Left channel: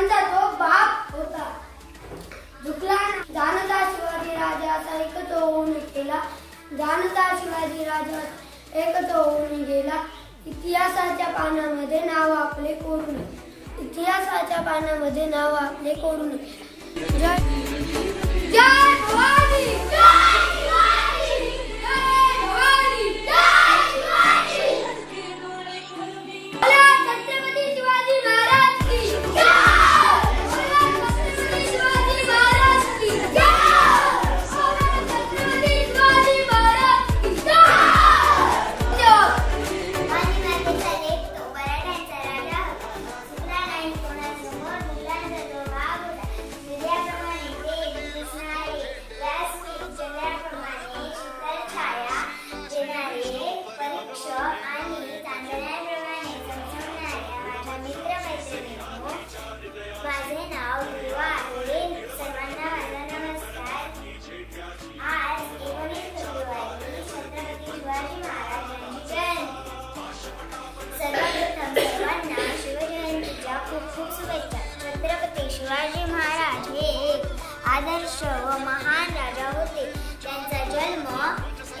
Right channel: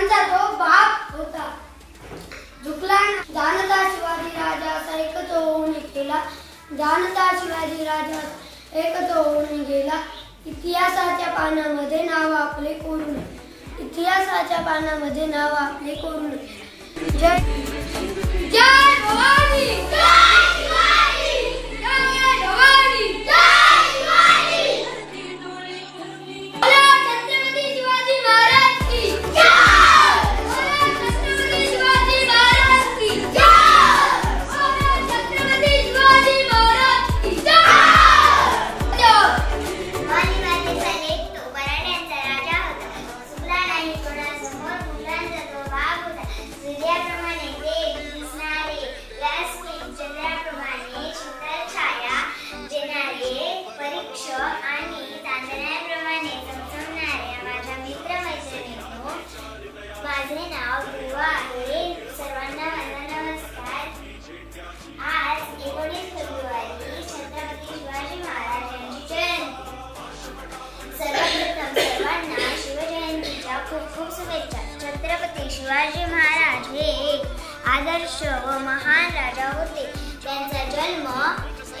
त्यांचा तो बाप होता. झुकला जाणता शिवाजी राजा असा एकच होऊन गेला. जाणता शिवाजी राजा एकच होऊन गेला. इतिहासाच्या पानामध्ये नाव आपले कोरून, इतिहासाच्या पानामध्ये नाव आपले कोरून. जय जय भवानी, जय शिवाजी, जय भवानी, जय शिवाजी. बोला छत्रपती शिवाजी महाराज की जय. बोला छत्रपती शिवाजी महाराज की जय. बोला छत्रपती शिवाजी महाराज की जय. माझे नाव दुर्वा आहे. सर्वांना माझा नमस्कार. आज 19 फेब्रुवारी छत्रपती शिवाजी महाराजांची जयंती. सर्वप्रथम सर्वांना शिवजयंतीच्या खूप खूप शुभेच्छा. छत्रपती शिवाजी महाराज हे एक आदर्श व महान राजा होते. त्यांचा जन्म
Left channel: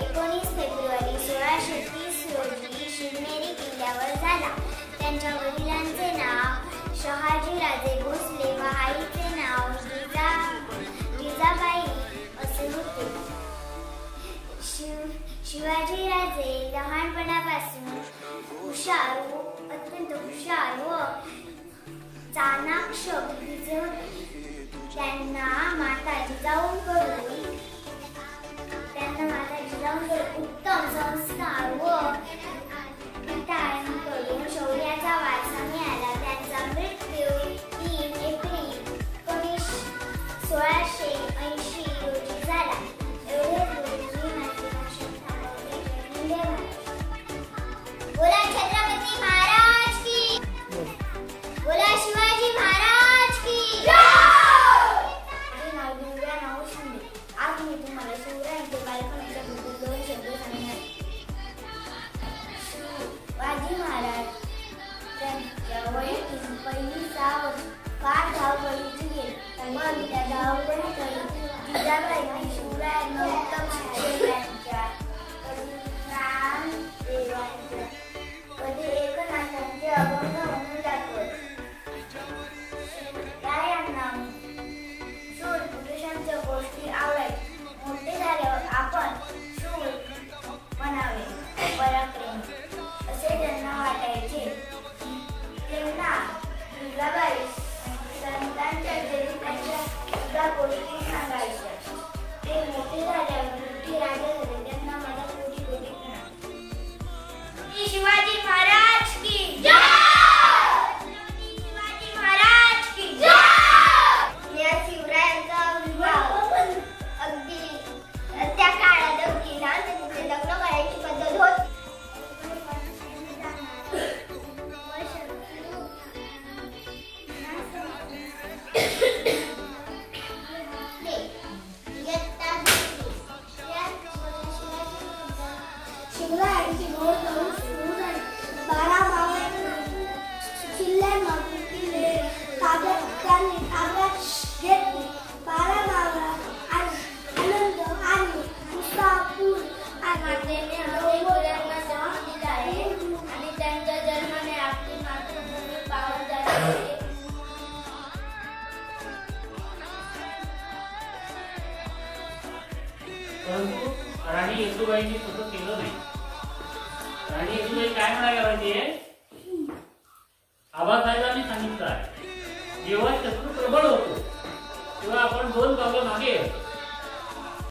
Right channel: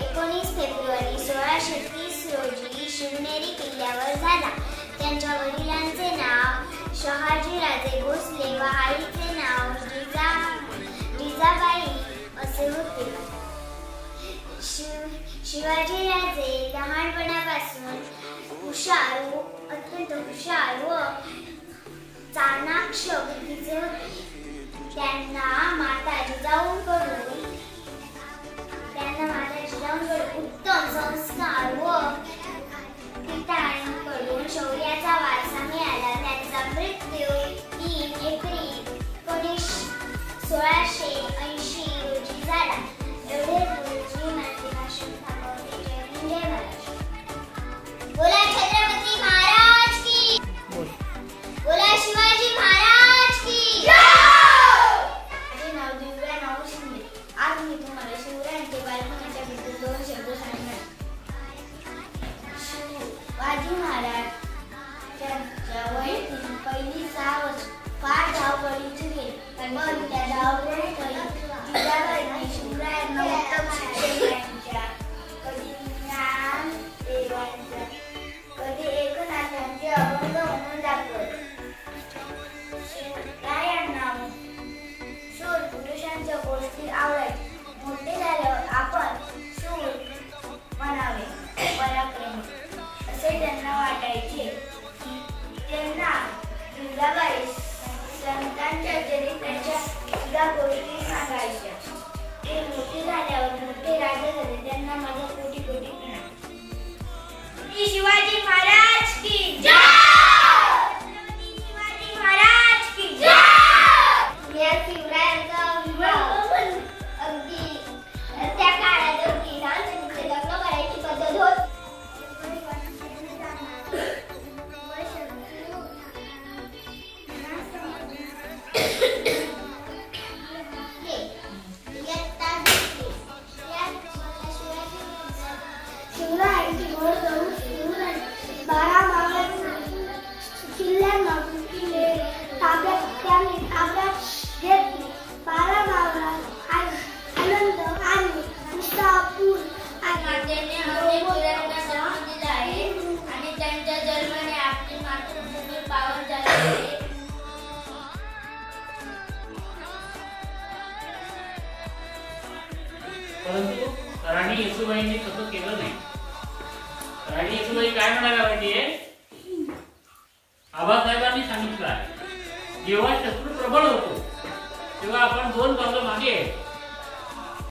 19 फेब्रुवारी 1630 रोजी शिवनेरी किल्ल्यावर झाला. त्यांच्या वडिलांचे नाव शहाजी राजे भोसले व आईचे नाव जिजाबाई असे होते. शिवाजी राजे लहानपणापासून अत्यंत हुशार व चाणाक्ष बुद्धीचे होते. त्यांना माता जिजाऊंकडून उत्तम संस्कार व पित्यांकडून शौर्याचा वारसा मिळाला. त्यांचा मृत्यू 3 एप्रिल 1680 रोजी झाला. एवढे बोलून माझे भाषण थांबवते. जय हिंद, जय महाराष्ट्र. बोला छत्रपती महाराज की, बोला शिवाजी महाराज की जय. माझे नाव दिव्या नाव शिंदे. आज मी तुम्हाला शिवरायांचे बालपणाच्या बद्दल 2 शब्द सांगणार. शिवाजी महाराज त्यांच्या वयातील पहिली 6 वर्ष फार धावपळीची गेली. पण त्या धावपळीत जिजाबाईंनी शिवरायांना उत्तम शिक्षण, ज्ञान देवांच्या कधी एकनाथांचे अभंग म्हणून दाखवले. शिवरायांना शूर पुरुषांच्या गोष्टी आवडायच्या. मोठे झाल्यावर आपण शूर म्हणावे, पराक्रमी असे त्यांना वाटायचे. त्यांना जिजाबाई संतांच्या चरित्राच्या सुद्धा गोष्टी सांगायच्या. ते मोठे झाल्यावर मोठे राजे झाले. त्यांना माझा कोटी कोटी प्रणाम. शिवाजी महाराज की जय. शिवाजी महाराज की जय. या शिवरायांचा विवाह अगदी त्या काळात अगदी लहान लग्न करायची पद्धत होती. शिवरायांची घोड दौड सुरू झाली. 12 किल्ल्यांमधून किल्ले त्यांनी ताब्यात घेतले. 12 मावळात आनंद आणि उत्साहपूर आणि त्यांच्या जन्माने आपली मातृभूमी पावन झाली. परंतु राणी येसूबाईंनी तसं केलं नाही. राणी येसूबाई काय म्हणायला पाहिजे? आबासाहेबांनी सांगितलं आहे, जेव्हा शत्रू प्रबळ होतो तेव्हा आपण 2 पावलं मागे